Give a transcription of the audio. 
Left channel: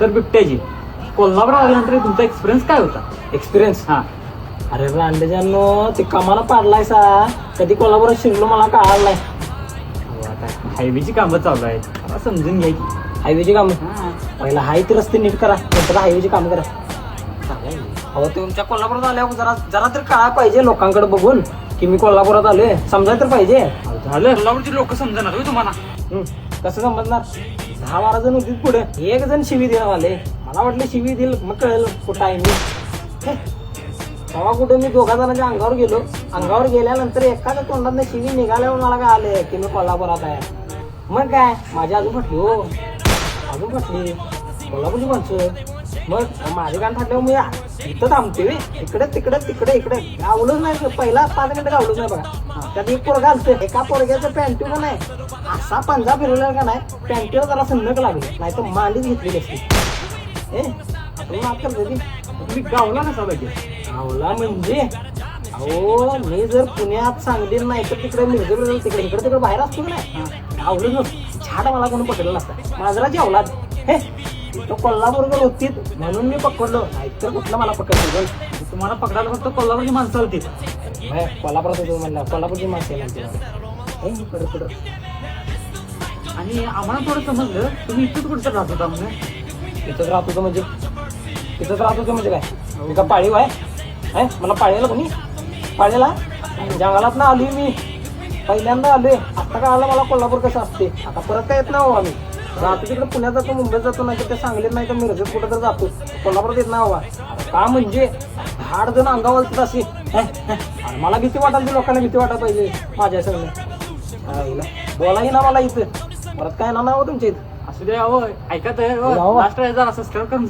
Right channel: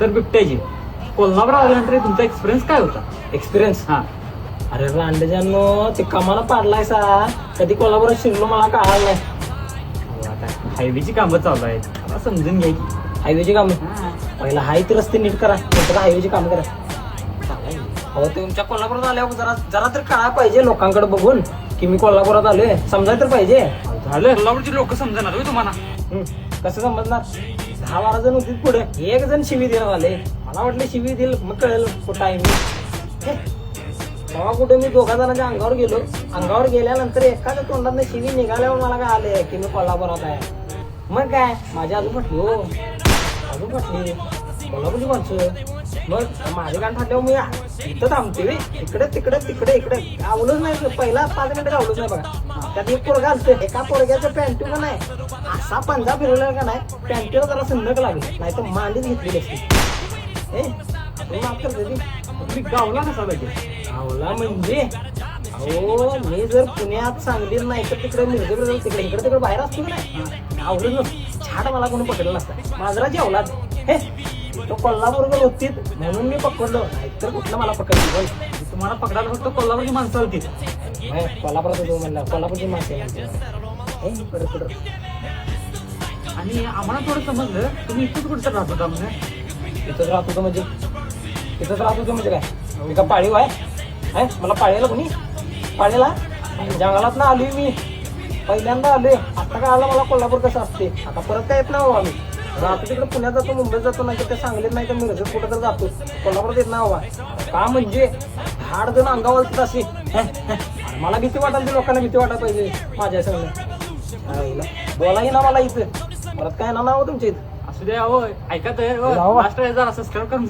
तर बिबट्याची. कोल्हापुरात आल्यानंतर तुमचा एक्सपिरियन्स काय होता? एक्सपिरियन्स. हा. अरे रांडेजांनो ते कामाला पाडलाय सा, कधी कोल्हापुरात शिरलो मला कळालं नाही. हायवेची कामं चालू आहेत, मला समजून घ्या की. हायवेची कामं पहिला हाय ते रस्ते नीट करा, नंतर हायवेची कामं करा. अहो तुमच्या कोल्हापुरात आल्यावर जरा जरा तर कळायला पाहिजे लोकांकडे बघून की मी कोल्हापुरात आलोय, समजायला तर पाहिजे. झालं, कोल्हापूरची लोक समजणार होय तुम्हाला. कसं समजणार? 10-12 जण होती पुढे, एक जण शिवी द्यायला आले. मला वाटलं शिवी दिल, मग कळेल कुठं आहे मी. तेव्हा कुठं मी 2 जणांच्या अंगावर गेलो. अंगावर गेल्यानंतर एखाद्या तोंडात शिवी निघाल्यावर मला काय आले की मी कोल्हापुरात आहे. मग काय माझी आजू म्हटली, हो आजू म्हटली कोल्हापूरची माणसं. मग माझे गाण म्हटलं मी इथं थांबते, इकडे तिकडे तिकडे इकडे गावलंच नाही. पहिला 5 मिनिटं गावलंच नाही बघा. त्यात एक पोरगा असतो, एका पोरग्याचं पॅन्टीवर नाही असा पंजा फिरवला का नाही, पॅन्टीवर जरा संदक लागली, नाही तर मांडीच घेतली असती. तुम्ही गावला कसा पाहिजे? गावला म्हणजे हो, मी जर पुण्यात सांगली नाही तर तिकडे मिरजेकडे तिकडे इकडे तिकडे बाहेर असतो ना, गावलं नसतं. झाड मला कोणी पकडलं नसतं. माझरा जेवला कोल्हापूर होती म्हणून मी पकडलं, तर कुठलं मला पकडलं. तुम्हाला पकडायला फक्त कोल्हापूरची माणसं होती. कोल्हापुरात होती म्हणलं, कोल्हापूरची माणसं. आणि आम्हाला थोडं समजलं तुम्ही इथंच कुठं राहत होता म्हणजे? इथंच राहत होतं म्हणजे? इथंच राहत होतं म्हणजे काय? मी का पाळीव आहे? मला पाळीला कोणी? पाळीला जंगलात ना आलोय मी, पहिल्यांदा आलोय. आता काय आलं मला कोल्हापूर कसं असते. आता परत काय येत ना हो आम्ही. जातो तिकडे पुण्यात जातो, मुंबईत जातो, नाही तर ते सांगलीत नाही तर मिरजेत कुठं तर जातो. कोल्हापुरात येत ना हवा का म्हणजे 8 जण अंगावर अशी. मला भीती वाटायला, लोकांना भीती वाटायला पाहिजे माझ्या सगळं. बोलाही ना मला इथं, परत काय ना नाव तुमच्या इथं. असू द्या हो, ऐकत आहे. लास्ट जरा सबस्क्राईब करून